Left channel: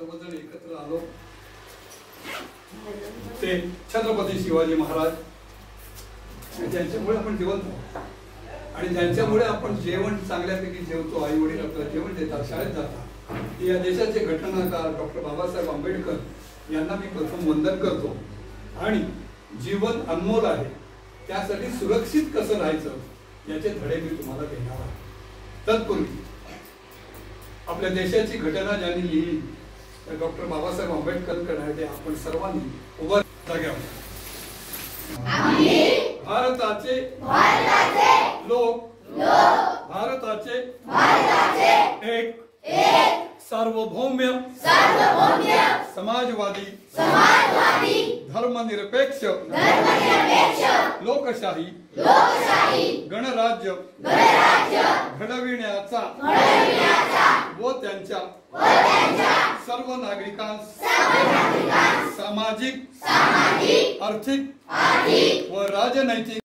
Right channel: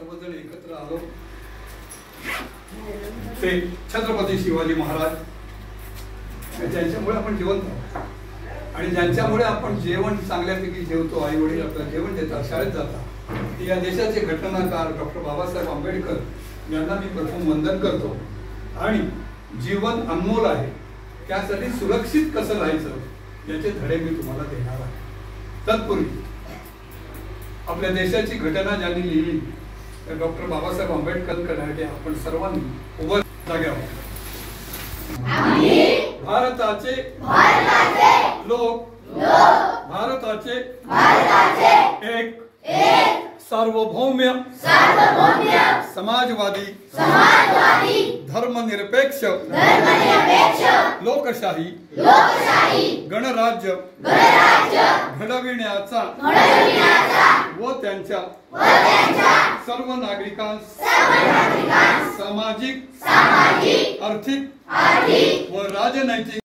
सर्वजण एकत्र आलो ते छत्रपती शिवाजी महाराज ज्यांच्यामुळे आपण जिवंत आहोत आणि ज्यांच्यामुळे आपण जेवण चांगल्यापैकी जेवतो, आई वडील आपल्याला जेवण देतात, शाळेत जातात, या देशाचे घटनाकार डॉक्टर बाबासाहेब आंबेडकर यांना मी प्रथम वंदन करतो। आणि जीवन अनमोल आहे, त्यासाठी सुरक्षित कसं राहायचं याचे धडे मी तुम्हाला देणार आहे। तत्पूर्वी आपल्या देशाची घटना ज्यांनी लिहिली डॉक्टर बाबासाहेब आंबेडकर करण्यासाठी आपण सर्वांनी उभं जाग्यावर भारताचे लोक भारताचे एक सार्वभौम्य समाजवादी धर्मनिरपेक्ष लोकशाही गणराज्य घडविण्याचा व त्यांच्या सर्व नागरिकांस सामाजिक आर्थिक व राजनैतिक